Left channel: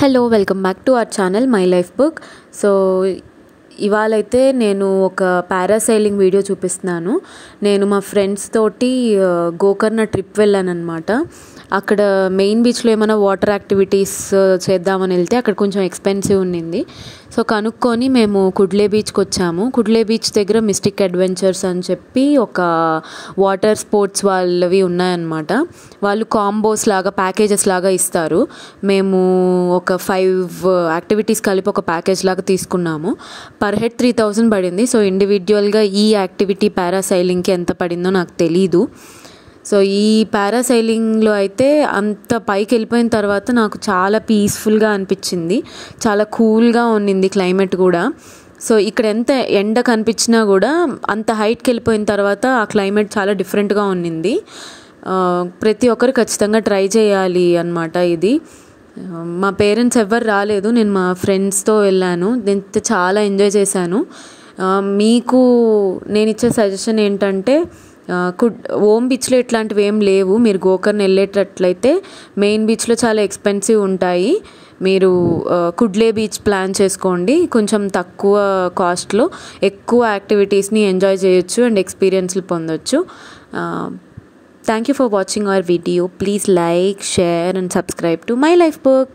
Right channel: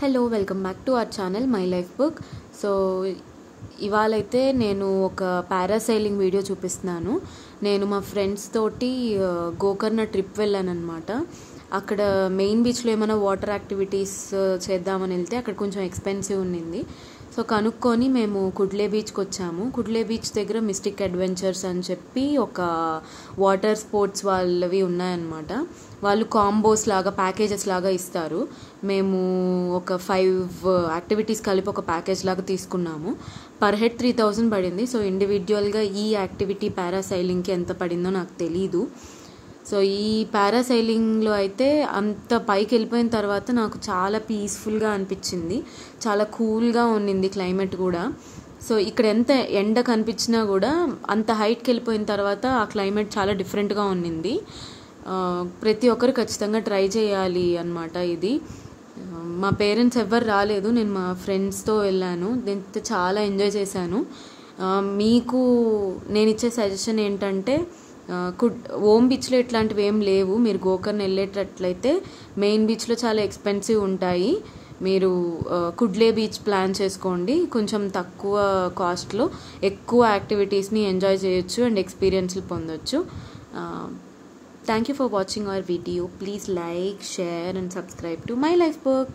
Hello welcome back to our channel my life book. So ఇవాళైతే నేను ఒక parasailing video చూపిస్తున్నాను. నేను మా ఫ్రెండ్స్ తోటి గోకర్ణ ట్రిప్ వెళ్ళాను అనమాట. అక్కడ మెయిన్ బీచ్లో ఏమైనా వాటర్ యాక్టివిటీస్ చేద్దామని వెళ్తే అక్కడ కొంచెం ఎక్స్పెన్సివ్ ఉండింది. సో కనుక్కొని మేము కుడ్లే బీచ్కి వచ్చాము. కుడ్లే బీచ్ దగ్గర మిస్టిక్ అడ్వెంచర్స్ అని చెప్పి ఒక వాటర్ స్పోర్ట్స్ వాళ్ళవి ఉన్నాయన్నమాట. వాళ్ళు కాంబోస్ లాగా ప్యాకేజెస్ లాగా ఇస్తారు. మేము ఒక 5 యాక్టివిటీస్ కలిపి ఒక ప్యాకేజ్ లాగా తీసుకున్నాము. పర్ హెడ్ 3000 పడింది. సో ఇండివిజువల్గా ఈ యాక్టివిటీ పారాసైలింగ్కి ఎంత పడిందో నాకు తెలీదు. సో ఈ పారాసైలింగ్లో అయితే అంత పైకి వెళ్ళిపోయిన తర్వాత నాకు చాలా పీస్ఫుల్గా అనిపించింది. చాలా కూల్గా ఉన్నింది క్లైమేట్ కూడా. సో ఇక్కడ ఎంత ఎండ కనిపించినా కూడా అంత హైట్కి వెళ్ళిపోయిన తర్వాత ఆ క్లైమేట్ చాలా డిఫరెంట్గా ఉన్నింది. ప్రతి ఒక్కరు ఖచ్చితంగా ట్రై చేయాలి అన్నమాట ఇది. మా పేరెంట్స్ ఎవ్వరు రాలేదు, నేను మా ఫ్రెండ్స్తో వెళ్ళాను. నేను చాలా ఎంజాయ్ చేశాను. మీకు నేను ఇచ్చే సజెషన్ ఏంటంటే ఓం బీచ్లో ఇట్లాంటివి ఏం లేవు. మీరు గోకర్ణ వెళ్ళేటట్లయితే మెయిన్ బీచ్లో చాలా ఎక్స్పెన్సివ్ ఉంటాయి. మీరు కుడ్లే బీచ్ ప్లాన్ చేసుకోండి. కొంచెం తక్కువ కాస్ట్లో ఎక్కువ యాక్టివిటీస్ని ఎంజాయ్ చేయొచ్చు అండ్ ఎక్స్పీరియన్స్లు పొందొచ్చు. Thank you for watching our video. Please like, share and subscribe to my life book.